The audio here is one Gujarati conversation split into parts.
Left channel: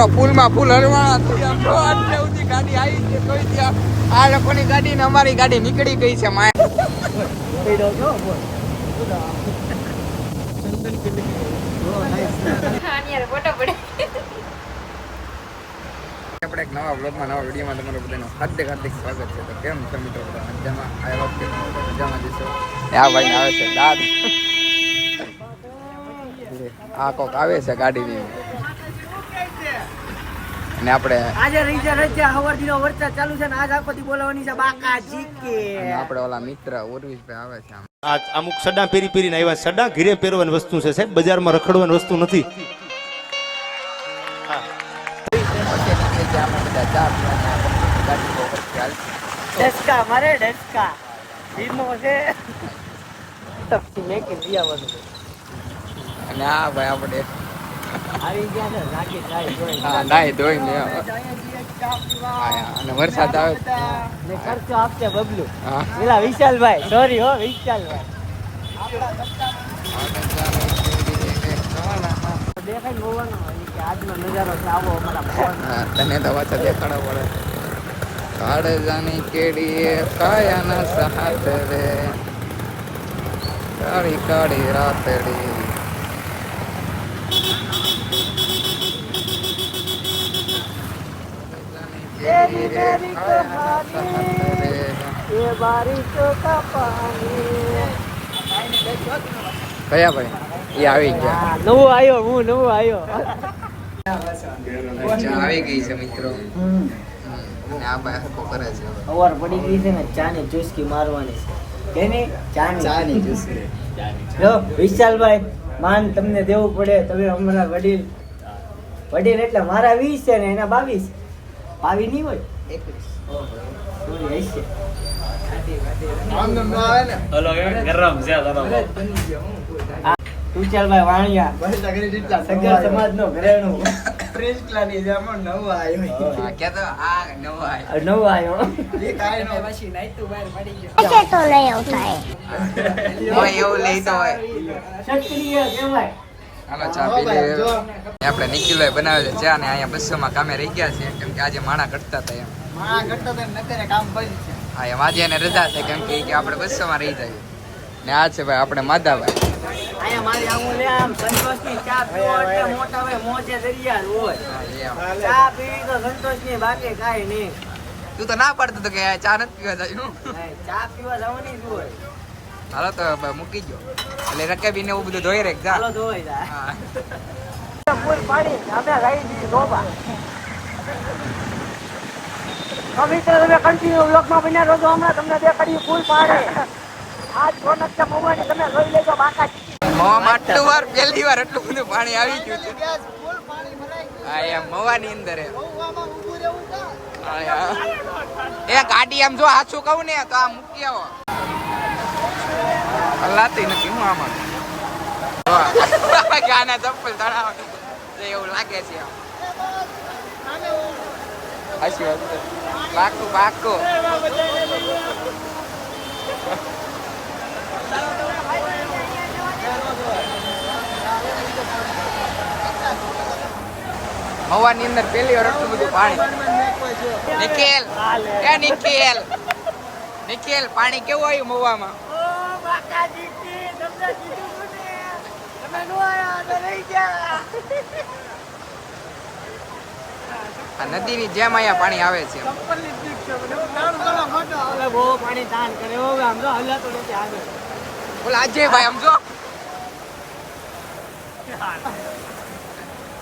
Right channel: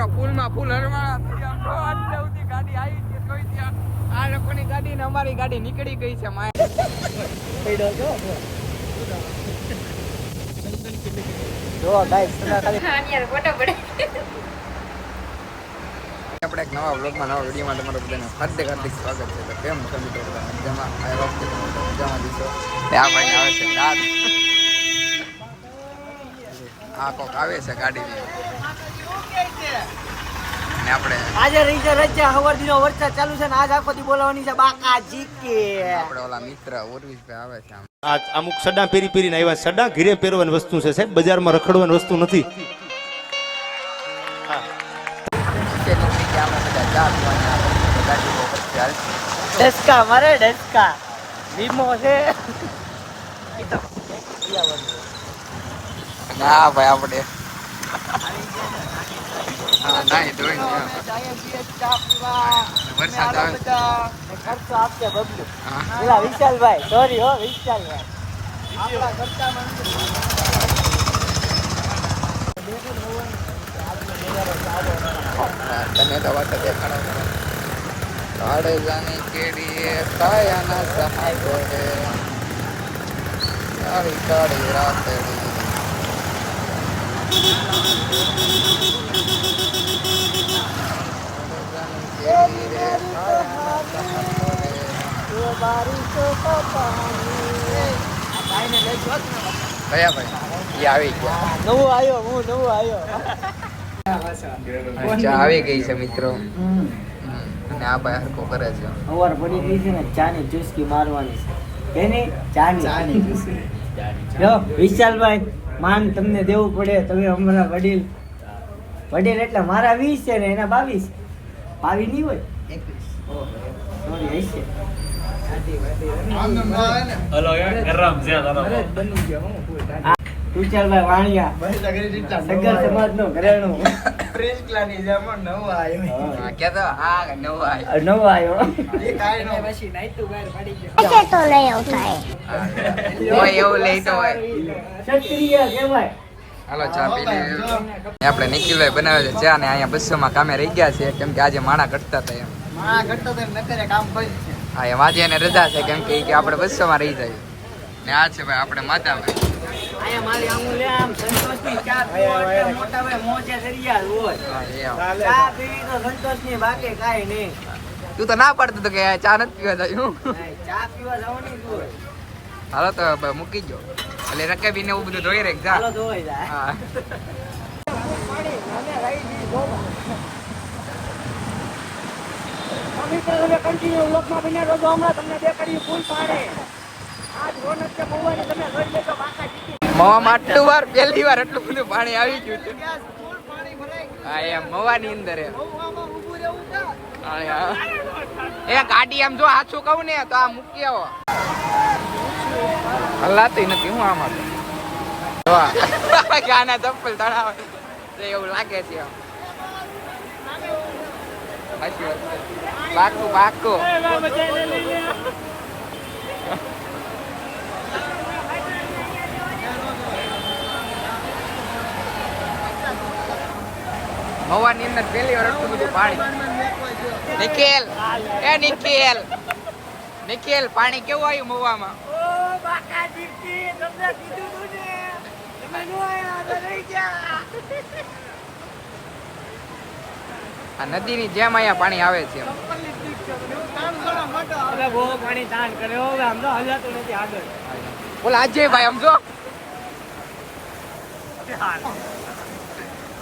મિત્રો પુલમાં ફૂલ હરવાળા થઈ આમ જો આટલે સુધી ગાડી આવી છે તોય ત્યાં આ લોકોની ગાડી ને અમારી ગાડી નીકળી ગઈ છે માય આપણે એક નવા બ્લોગમાં નવા વિડીયોમાં તમારું બધાનું હાર્દિક સ્વાગત છે. તો કેમ છો મિત્રો બધા મજામાં? આ વખતે તમે બધા મજામાં જશો. આ ભાઈ આવે છે દાદ આ કોક આવે છે ગાડીની ને આપણે આજે રીચર છે હવરદીનો વરસાદ ચાલુ છે ને આજ આખોથી બોલાવવાની છે બાકાજી કે આપણે ઓલા મિત્ર ઉર્વિશભાઈ આવે છે. આ અમુક સડા પેરીને આવ્યા. સડા ઘીરે પહેરવાની વસ્તુ છે સાહેબ, બજારમાં રખડવાની વસ્તુ નથી. નીકળી ગયા અમે બધા ચા પીવાની ગાડી બહુ વરસે હાલતી ડસ્કા મારે ડસ્કા ધીમો છે અને આ ભાઈ આપણે હા નાઈ ધોઈ વરસાદ આવે હા વિશાલભાઈ સોરી હો વિશાલ આવી ગઈ છે મિત્રો અને આ ભાઈ હરકો કરે છે. અવાર પડી ગઈ છે ને ચાની ચુસ્કી મારવાની છે કેની ચાની ચુસ્કી જો વિશાલભાઈ માન તમને દેવું પડે. તમે અમારા વડીલ એટલે મારા 20 છે ને એના 22 ભાવી નહીં હોય 21 હશે. વિશાલભાઈ વાણિયા સગર સમાજ નો ઘરેણું નવો આવ્યો હાલો ચા પી આપણે નિખિલભાઈ બનાવે છે ચા ને અહીંયા બસોમાં કામે રહી ગયા છે કેમ કે આજે માણા ઘટતા હતા એમ. હા એમ આજે એને રજા છે કેમ કે આપણે બસોમાં રહી જાય ને આ છે ભાઈ આપણે માધાભાઈ. અહીંયા મારી આમુલે આમ સંતોષની ચા પીવો એટલે મોટા ભાઈ મોજે દરિયા હોય. ચા પીવી તો સંતોષની બાકી કાઈ નહીં. તું તો ના પાડતો તો કે ચા નથી પીવા જાય. ચા પીવા જવાની જ હોય. હાલો તો મૂકી ગયો એટલે રકાબી ને એવું બધું ધોઈ રાખ જા. હાલો ધોઈ જાય. હા ફૂલ પાડી અમે લઈ દી ધોબા. મિત્રો તમે કન્ટિન્યુ બ્લોકમાં બન્યા રહો હમણાં તમને દેખાડી ફૂલ પાડે. આજ રોનક છે મવાની તમે જોઈ લેજો બાકા જીતી. મવામાં આટલું વાર પહેલી વાર એટલું બધું પાણી આવી ગયું છે. હા એમ મવાની અંદર એ ગાડી આમ જો હાચું કહું ને તો આ મૂકી આવો હલાતી નથી હું આમાં ગાના ચપ્પલ તણાવ એવું લાગે છે આમ હાચી વાત પાકું પાકું મવાની અંદર પહેલી વાર એટલું બધું પાણી. નિખિલ પાણી કેવું આવ્યું મવામાં? આ નદીની જેમ અહીંયા પાણી આવે છે. બહુ પાણી તાન કરે આમ તો હલાતું નથી આગળ. બોલા અજયભાઈ આમ જો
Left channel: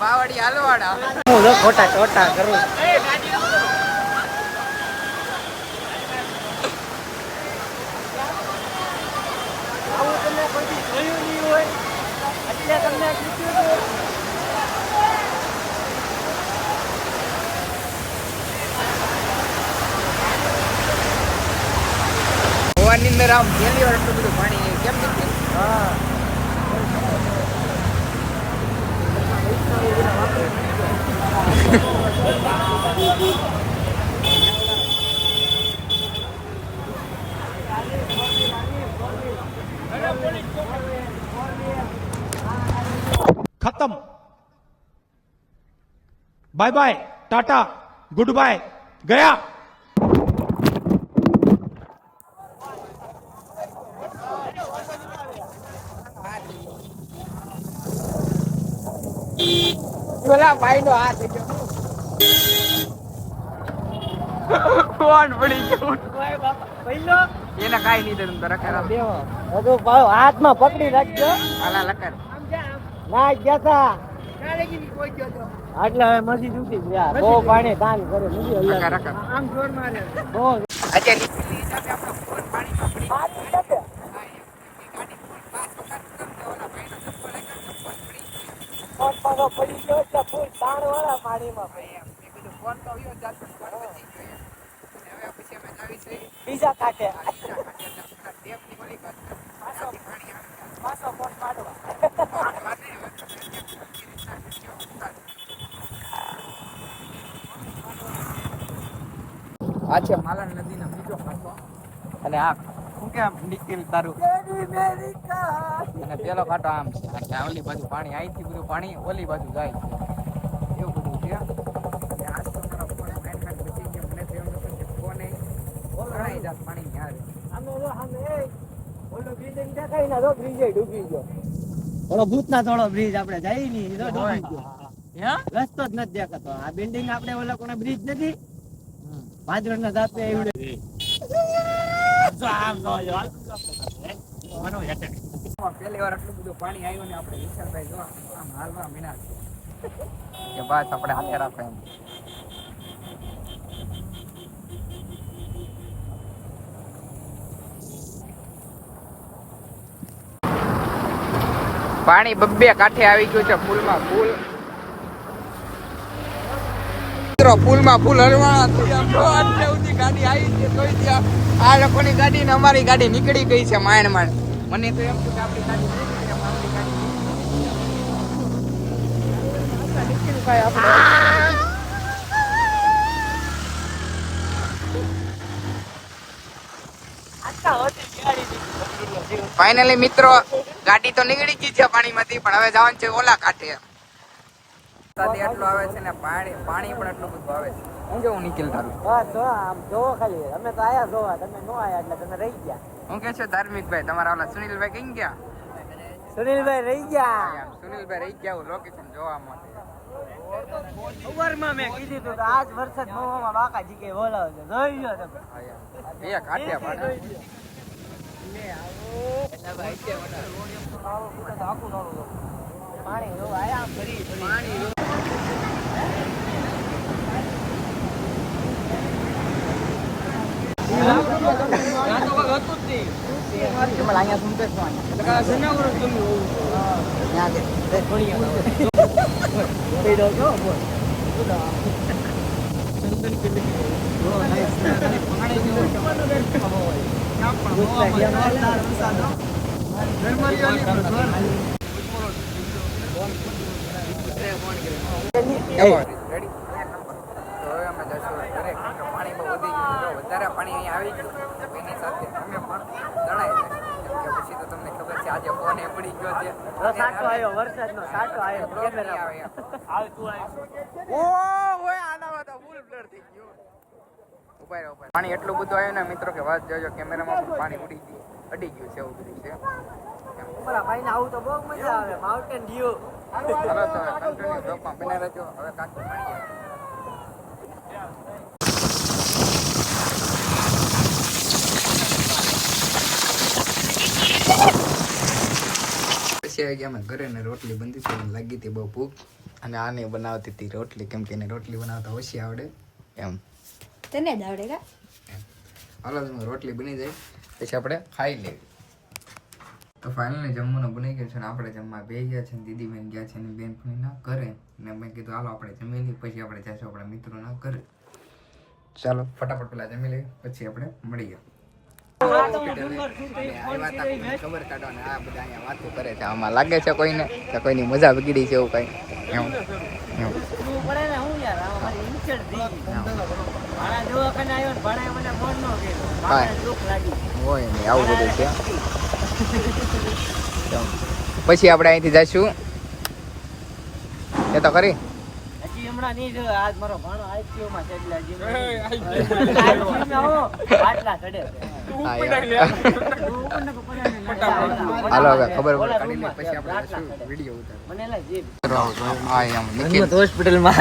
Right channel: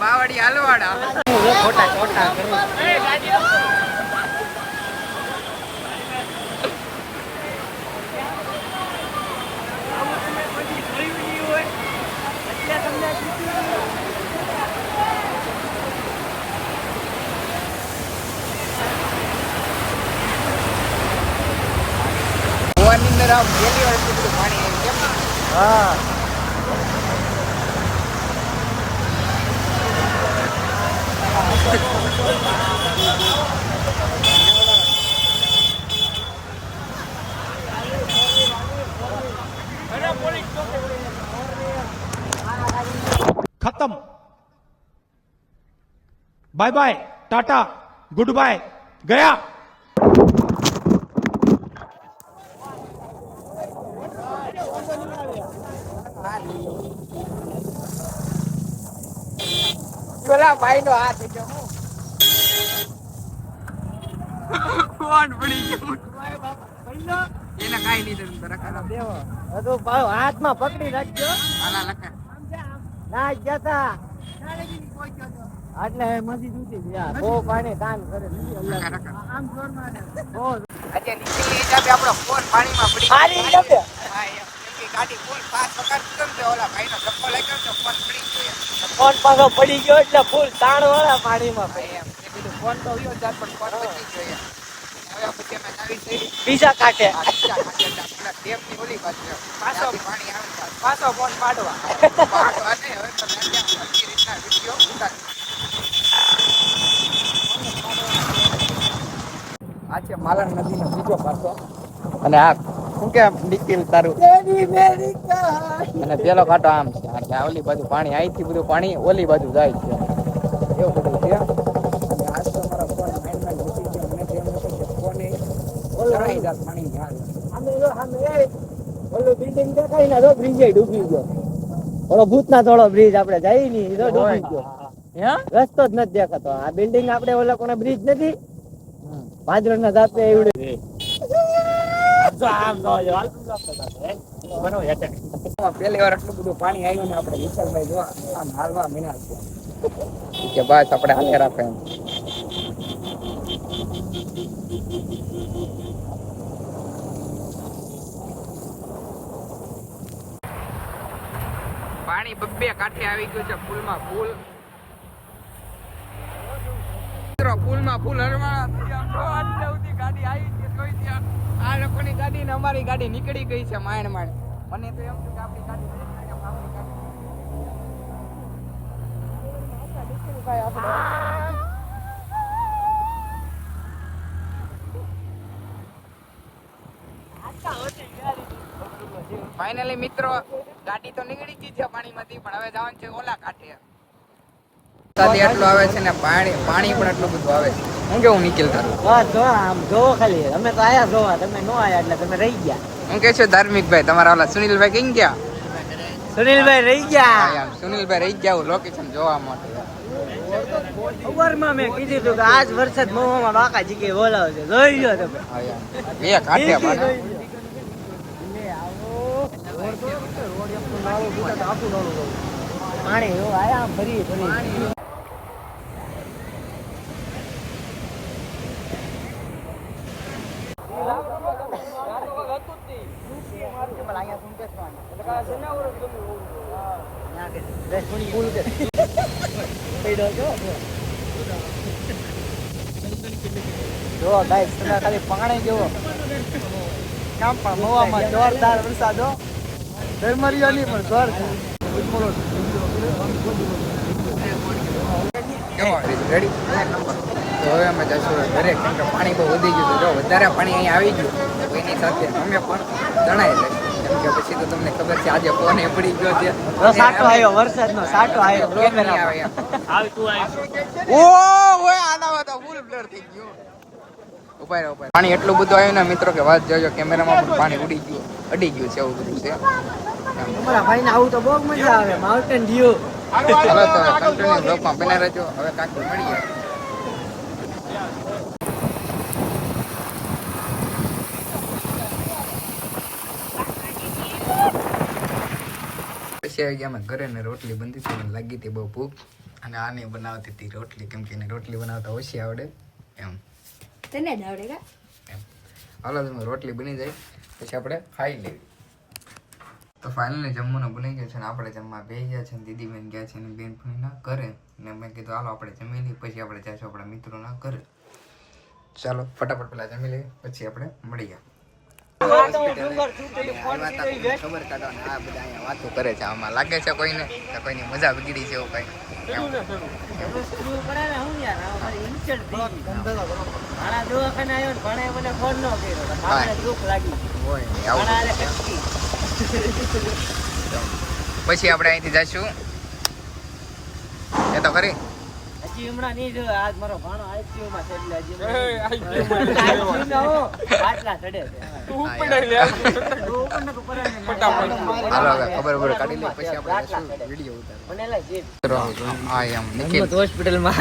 બાવડી હાલવાડા ખોટા ચોટા કરું. આવું તમે કોઈ જોયું નહીં હોય એટલે તમને શીખ્યું. ગોવાની અંદર આમ પહેલી વાર એટલું બધું પાણી આવ્યું કેમ નથી? હા ખતમ. Bye bye, Tata, good bye, ગયા. કોણ પડી ગયું પહેલો એને કાઈ નહીં તને તરક કરાવ હજુ ભાવ હાથમાં પકડી રાખજો. હાલા લકર ના ગયા આટલા હવે મસ્જિદ ઉઠી ગયા. બહુ પાણી દાન કરે નથી લકર લકર આમ જોર મારે આજે નીચેની હિસાબે આપણો ફોન પાણીમાં પડી હારી હિસાબે? હા એમ કે ગાડી ફૂલ ફાસ્ટ પકડતો ને તો ઓલા ભાઈનો ધક્કો લાગ્યો ને તો ફોન પડી ગયો ફોન પાછો પડી ગયો એટલે ફૂલ તાણ વાળા પાણીમાં એમ મેં કીધું ફોન તો ઉયો જાત પણ ફોન બચી ગયો એમ હવે પછી અમે નવી થઈ બીજા કાંઠે ડેમની ઓલી બાજુ પાછો પાણી આવે પાછો ફોન પાડવા. પાડવા નહીં હવે તો ત્યાં સરખી રીતના વિડીયો ઉતાર આ છે માલણ નદીનો બીજો પાછો અને આ શું કે નિકિલ તારું અને પેલો કાંટો આમ છે એટલે આ ઓલી બાજુ પાણી અહીંથી બધું પાણી ઓલી બાજુ જાય છે એવું બધું છે અને આજ તો મારો ફોન માઇન્ડ બચી ગયો મને તો એમ નતું કે ફોન ઓલાઈ જાત પાણી આવે આમે જો આમે ઓલો બિલ્ડિંગ દેખાય ને તો બ્રિજ ડૂબી ગયો. ઓલો ભૂતના થોડો બ્રિજ આપણે જઈ ની તો ડૂબી ગયો. રસ્તો જ નથી દેખાતો. આ બિલ્ડિંગ આપણે ઓલા કોને બ્રિજ નથી પાંચરણના દાંતે એવડે પહેલી વાર એટલું બધું પાણી આવ્યું ને આપણે વિશાલભાઈ જો આમ હાલવા મીના છે કે બસ આપણે હાથે રાખે એમ પાણી બબ્બે કાંઠે આવી ગયું છે ફૂલમાં ફૂલ ફૂલમાં ફૂલ હરવાણા થઈ આમ જો આટલે સુધી ગાડી આવી છે જોઈ ત્યાં આ લોકોની ગાડી ને અમારી ગાડી નીકળી ગઈ છે માંડ માંડ મને તો એમ કે આપણી ગાડી નીકળી છે અમારી ગાડી નીકળી ભાઈ આપણે ફાઇનલી મિત્રો ગાડી તો નીકળી ગઈ છે પાણીમાંથી પણ હવે જવાનું છે ઓલા કાંઠે વરસાદ એટલો આવે છે ને પાણી પણ એટલું બધું આવે છે હું કેવું નિકિલ તારું બસ જો આમ જોવો ખાલી અમે તો આયા જોવા તમે નો આયા એટલે તમે રહી ગયા. હું કે છે ધાર્મિક ભાઈ તમારા ઓલા સુનિલભાઈ કઈ ગયા સુનિલભાઈ રહી ગયા. હા યાર સુનિલભાઈ રહી ગયા લોકેશન જોવા માટે ખબરમાં મેં કીધું હતું કે આજ વરસાદ મોવામાં બાકાજી કે બોલાવશે જોઈ લો તમે. હા યાર બે કાંઠે પાણી પાણી જો આયા આમ ફરી રેડી તો હવે અમે જશું ઘરે કેમ કે પાણી બહુ વધી ગયું જો વધારે પાણી અહીંયા આવી ગયું તો એની સાથે અમે પણ જણાય છે કેમ કે પછી તો તમને ખબર છે આજે ફોન એ પડી ગયો છે સાટો આવ્યો વરસાદનો સાટો આવ્યો કેમેરા ઓય આનામાં તો ફૂલ બ્લર થઈ ગયો ઉપાય પાણી એટલું બધું આવ્યું ને મિત્રો કે વાત જોજો કેમેરામાં પણ પાણી અડી ગયું છે એવું બધું છે અમારા ભાઈને આવું તો બહુ મજા આવે માઉન્ટેન વ્યૂ. હાલો તો કન્ટિન્યુ બ્લોગમાં બન્યા રહેજો હવે કાંઈક મળીએ પછી આવી ગયા અમે ઘરે ને રોટલી બનતી હતી મને લાગી હતી બહુ ભૂખ અને આને બનાવતી હતી રોટલી કેમ કે એને રોટલી બનાવતા ઓછી આવડે એમ તને જ આવડે કા એમ હાલો તમે રોટલી બની જાય પછી આપણે ખાઈ લેવી તો ફાઇનલી જમવાનું બની ગયું છે ને આપણે જમવા બે ગયા છે ને દીદી બેન ગયા છે ને બેનપણીના ઘરે ને મેં કીધું હાલો આપણે જમી લઈએ પછી આપણે જઈશું આપણા મિત્રોના ઘરે ચાલો ફટાફટ પેલા જમી લઈએ પછી આપણે મળીએ ખબર કાઢો ને આ બધા અહીંયા વાતો કરે છે આમાં લાગે છે કોઈને કે કોઈની મજા બગડી છે એવું કઈ પડે ને હું યાર અમારી ઇન્ચડ થઈ ભાણા દવાખાને આવ્યો ને ભાણાએ મને ફોન ન કર્યો મારે દુઃખ લાગી હોય ને આવું બધું છે પછી આપણે અહીંથી જઈશું એ તો ખરી હજી હમણાં નહીં જો આજ મારો ભાણો ICU માં છે એટલે હજી ICU માં હું આટલા ચડે છે. હાલો હવે ખબર કાઢી લે પછી આપણે શું વિડિયો ઉતાર મને લાગે જે આ એમ નિખિલ હોસ્પિટલ માં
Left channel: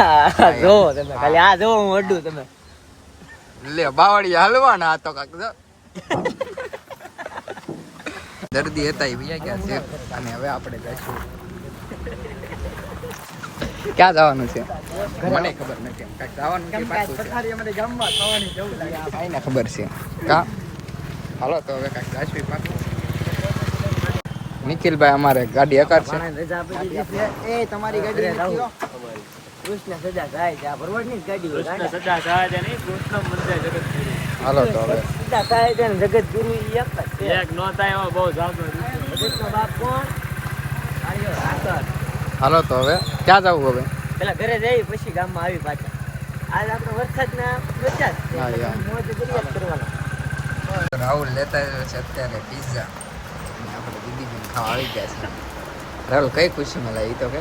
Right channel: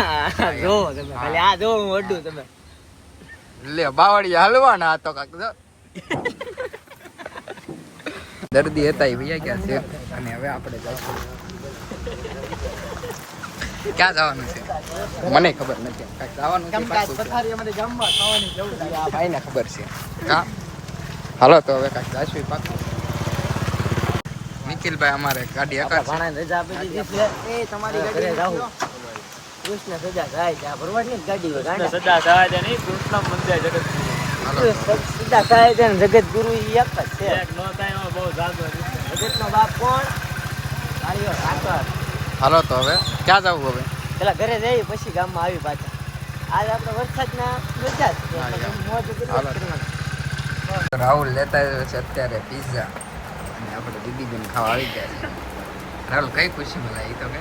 જો તમે ખાલી આ જો હું વડું તમે લે બાવળી હલવાના આ તો કાક જો દર્દી હતા એ ભૈયા ક્યાં છે અને હવે આપણે જઈશું ક્યાં જવાનું છે મને ખબર નથી એમ કાંઈક જવાનું છે પાછું છે અમારે ગામમાં ખાવાની જવું છે આ ભાઈને ખબર છે કા હાલો તો હવે કાંઈક જઈશું પાછું નિખિલભાઈ અમારે ગાડી એકાદ છે ભાણા રજા આપી દીધી છે એ તમારી ઘરે જાવું કૃષ્ણ સજા થાય છે આ ભરવાડની જ ગાડી કૃષ્ણ સજા થાય છે નહીં કૃષ્ણ મંદિર જગતગુરુ હાલો તો હવે સજા થાય છે ને જગતગુરુ ઈ એક જ છે એક નો થાય એમાં બહુ જાજો જગતનો બાપ કોણ આર્ય સાગર હાલો તો હવે ક્યાં જવું હવે પેલા ઘરે જઈ પછી ગામમાં આવી પાછા આજ આપણે વરસાદના વરસાદ હા, યાર. મોજ કરવાના રાહુલ લેતા આવ્યો છે અત્યારે પિઝા અને આપણે દીદીબેન ખાવા આવી ગયા છે રાહુલ કઈ ખુશીમાં લાવી તો કે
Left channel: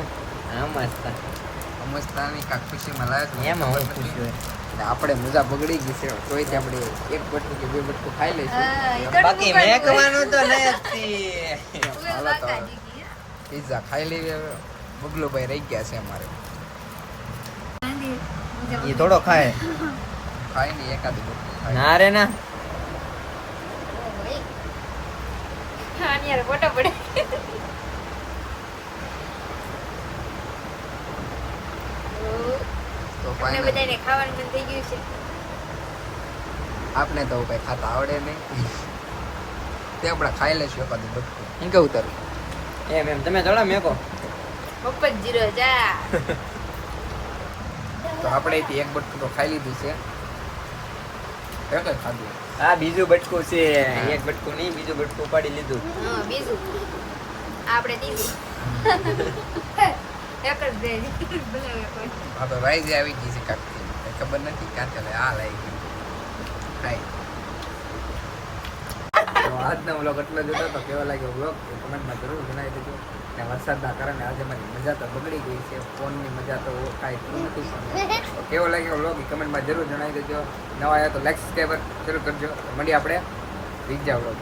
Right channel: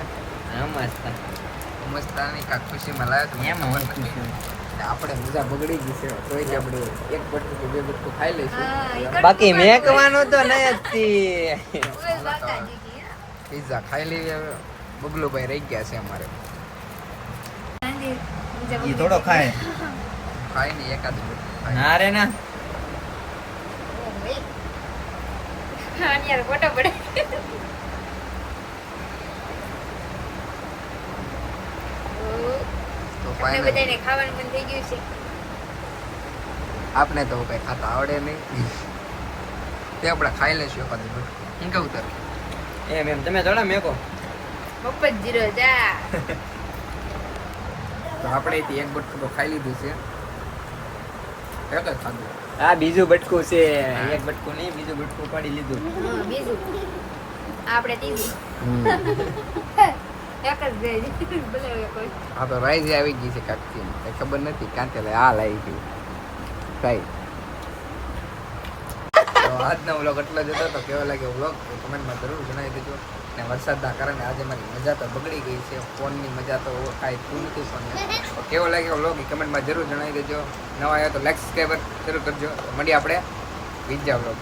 મસ્તાની કાંક ખુશીમાં લાવ્યો તો મને ખબર નથી. આપણે મજા બગડી ગઈ છે તોય તે આપણે એક બટકું કે બે બટકું ખાઈ લઈશું બાકી મેકવાનો તો નથી હાલો તો પિઝા ખાઈ લઈએ હવે બગલુભાઈ રહી ગયા છે અમારે થોડો ખાય ખાઈ નહીં એકાદ ખાઈ. ના રે ના હા યાર ફોટો પડે તો તમને final. બધાને ખાવાનું મન થઈ ગયું છે આપને તો કઈ ખાતા આવડે નહીં તે આપણે ખાઈ લઈશું એકાદ બટકું શું કેવું તારું એમ તમે થોડા મેકો મફત જીરો જા તો આપણે અહીંથી એક બટકું તો ખાઈ લીધું છે એક જ ખાધું આ બીજું બટકું છે એક બટકું નહીં બીજું બટકું પાડી લીધું હા બીજું આપણે ત્રીજું એક જ દે કોઈ હા તો રાઈઝ આવી ગઈ છે કાંકથી કઈ ખબર નથી કાં ચાલે આ લાવી ગઈ કાંઈ તો આજનો વ્લોગ એટલો જ હતો તો કેવો લાગ્યો વ્લોગ કમેન્ટમાં જરૂર જણાવી દેજો અને વરસાદના કારણે આજે મારી મજા તો બગડી ગઈ છે ફોનની મજા તો કાંઈ થયું નથી પણ તો કેવો લાગ્યો વ્લોગ એ કમેન્ટમાં જરૂર જણાવી દેજો નવા આવ્યા તો લાઈક સબસ્ક્રાઈબર જરૂર કરજો તો મળીએ આપણે બીજા વ્લોગ